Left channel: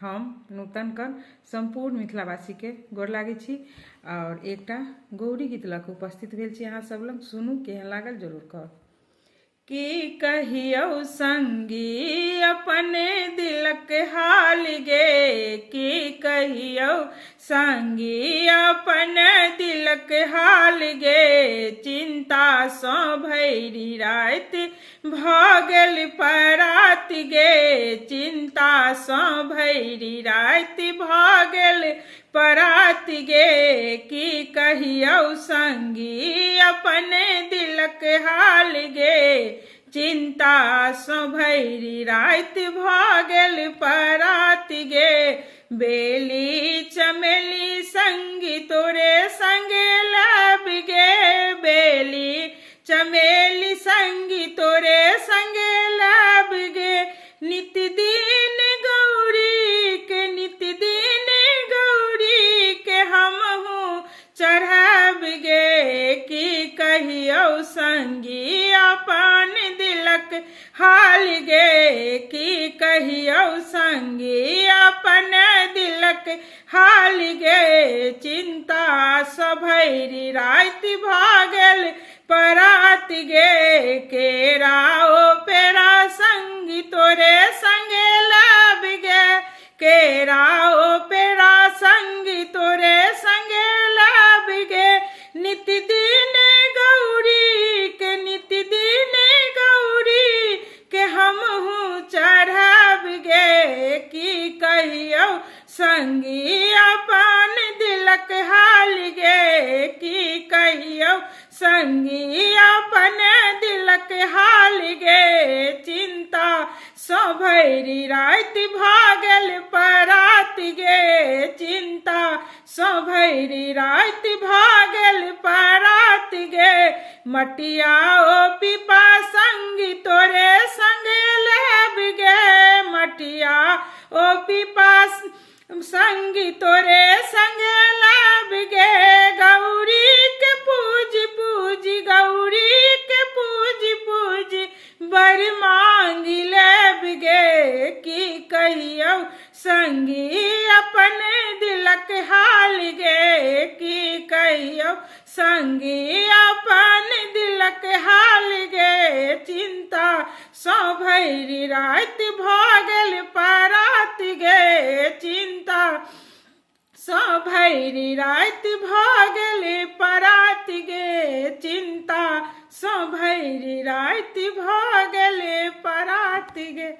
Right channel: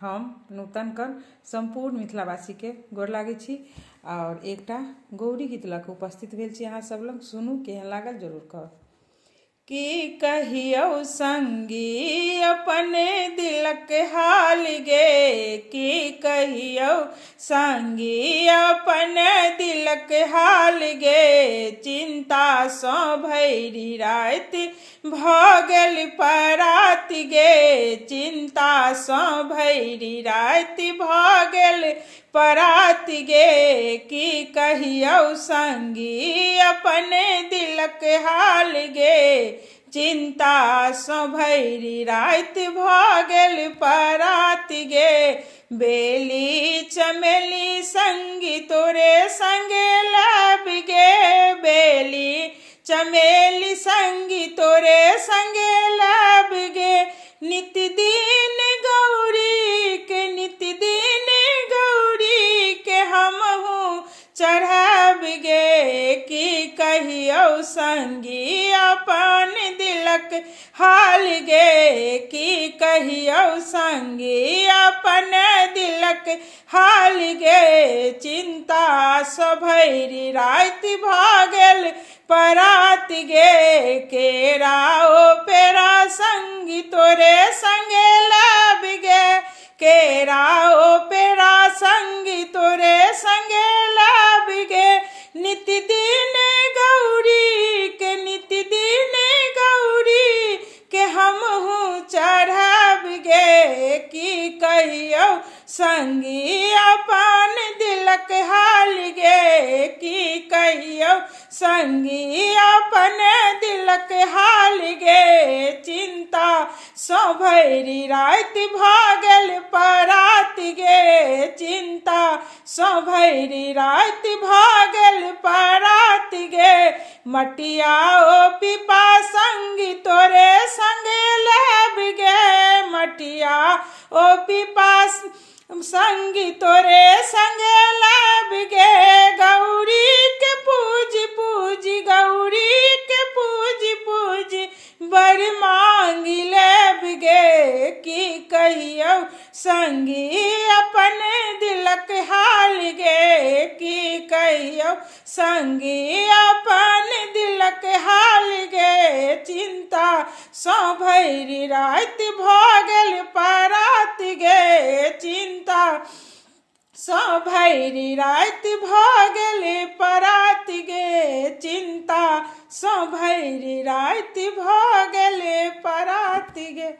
हम नूतन कर संपूर्ण मिथिलावासी के गोर लागे छी और एकटा गौरी गीत लऽ कऽ उपस्थित भेल छी। अहाँ सब लग सुनू, केहन लागल जरूर कहब। की कहियौ संगी अपने दिलक हाल गे, की कहियौ संगी अपन दिलक हाल गे, चिंता सँ भैरी राति भऽ गेल परात गे, चिंता सँ भैरी राति भऽ गेल परात गे, की कहियौ संगी अपन दिलक हाल गे, चिंता सँ भैरी राति भऽ गेल परात गे, बेली चमेली संगी तोरे संगे लब गे, बेली चमेली संगी तोरे संगे लब गे, नित दिन गौरी के नित दिन गौरी के हमहूँ चढ़ब गे, की कहियौ संगी अपन दिलक हाल गे, की कहियौ संगी अपन दिलक हाल गे, चिंता सँ भैरी राति भऽ गेल परात गे, केरा ओ पेरा संगी तोरे संगे लब गे, केरा ओ पेरा संगी तोरे संगे लब गे, नित दिन गौरी के नित दिन गौरी के हमहूँ चढ़ब गे, की कहियौ संगी अपन दिलक हाल गे, की कहियौ संगी अपन दिलक हाल गे, चिंता सँ भैरी राति भऽ गेल परात गे, चिंता सँ भैरी राति भऽ गेल परात गे, मटिया ओ पीपा संगी तोरे संगे लब गे, मटिया ओ पीपा संगी तोरे संगे लब गे, गौरी के पूजी पूजी गौरी के पूजी पूजी बर मांगी लेब गे, की कहियौ संगी अपन दिलक हाल गे, की कहियौ संगी अपन दिलक हाल गे, चिंता सँ भैरी राति भऽ गेल परात गे, चिंता सँ भैरी राति भऽ गेल परात गे, चिंता सँ भैरी राति भऽ गेल परात गे।